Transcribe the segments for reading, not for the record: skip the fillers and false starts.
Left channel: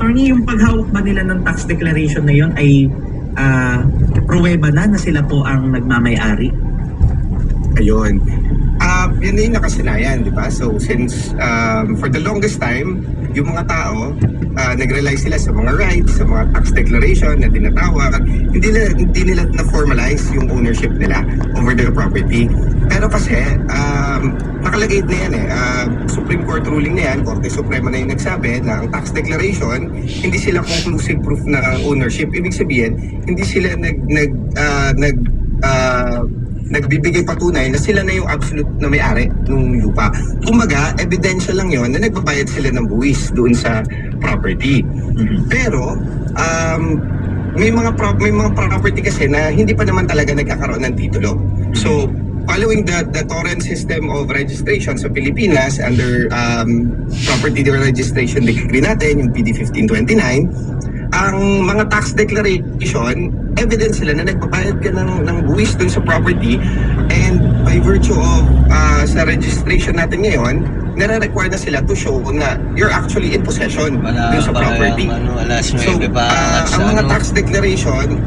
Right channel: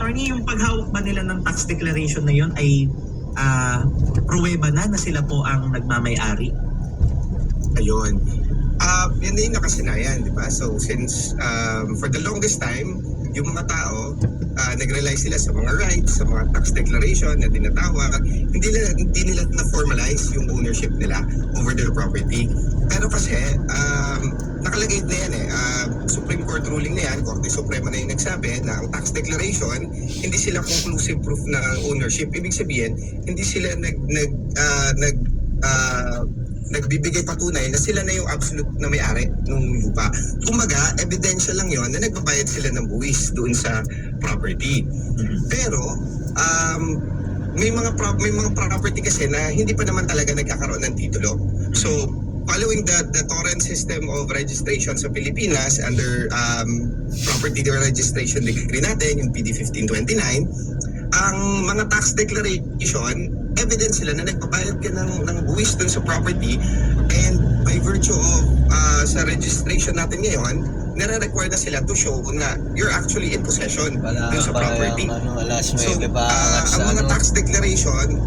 attorney, yung paghawak ba nila ng tax declaration na yon ay pruweba na sila po ang nagmamay-ari? Ayun. Yan na yung nakasanayan, di ba? So since for the longest time, yung mga tao, nag-rely sila sa mga rights, sa mga tax declaration na tinatawag, hindi nila na-formalize yung ownership nila over their property. Pero kasi, nakalagay na yan Supreme Court ruling na yan, Korte Suprema na yung nagsabi na ang tax declaration, hindi sila conclusive proof na ownership. Ibig sabihin, hindi sila nagbibigay patunay na sila na yung absolute na may-ari ng lupa. Kumbaga, ebidensya lang yon na nagbabayad sila ng buwis doon sa property. Pero, may mga property kasi na hindi pa naman talaga nagkakaroon ng titulo. So, following the torrent system of registration sa Pilipinas under property registration decree natin, yung PD 1529, ang mga tax declaration, evidence sila na nagbabayad ka ng buwis dun sa property, and by virtue of sa registration natin ngayon, nare-require na sila to show na you're actually in possession dun sa property. So, ang mga tax declaration,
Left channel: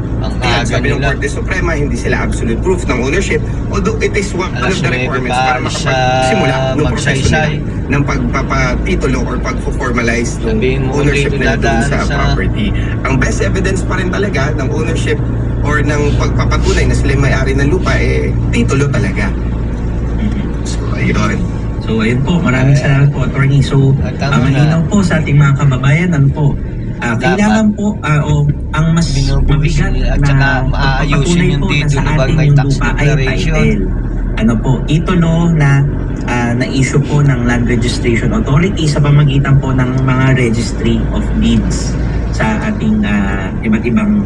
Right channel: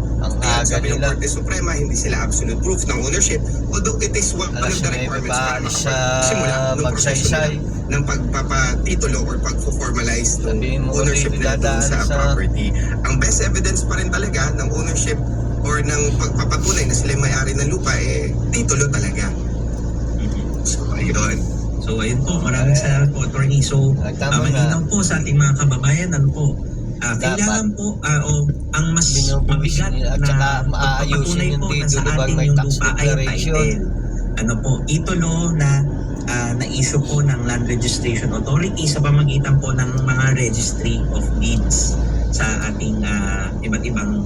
sabi ng Korte Suprema, hindi sila absolute proof ng ownership, although it is one of the requirements para makapagsimula ng proseso nila ng pagpapatitulo or pag-formalize ng ownership nila doon sa property. Ang best evidence pa rin talaga ng ownership or ng pagpapatunay na sila may-ari ng lupa, titulo talaga. So, ayun. So ayun po, maraming salamat po, attorney. So malinaw po sa ating mga kababayan, kailangan po ang mas mabigat na pagpapatunay po na sa ating yung lupa ay title. Titulo na na-issue po ng Land Registration Authority sa pamagitan po ng mga Registry of Deeds sa ating iba't ibang